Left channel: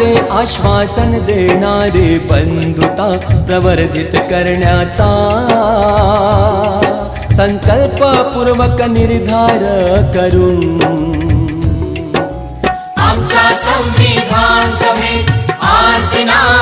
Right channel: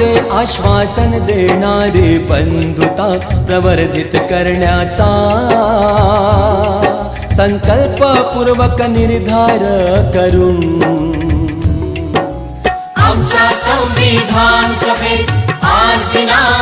मनाचे आश्वासन देणारे बंधुता प्रवर्धित करण्याचा संकल्प पूर्वक निर्धार करून आमच्या संविधान समेत आज दिना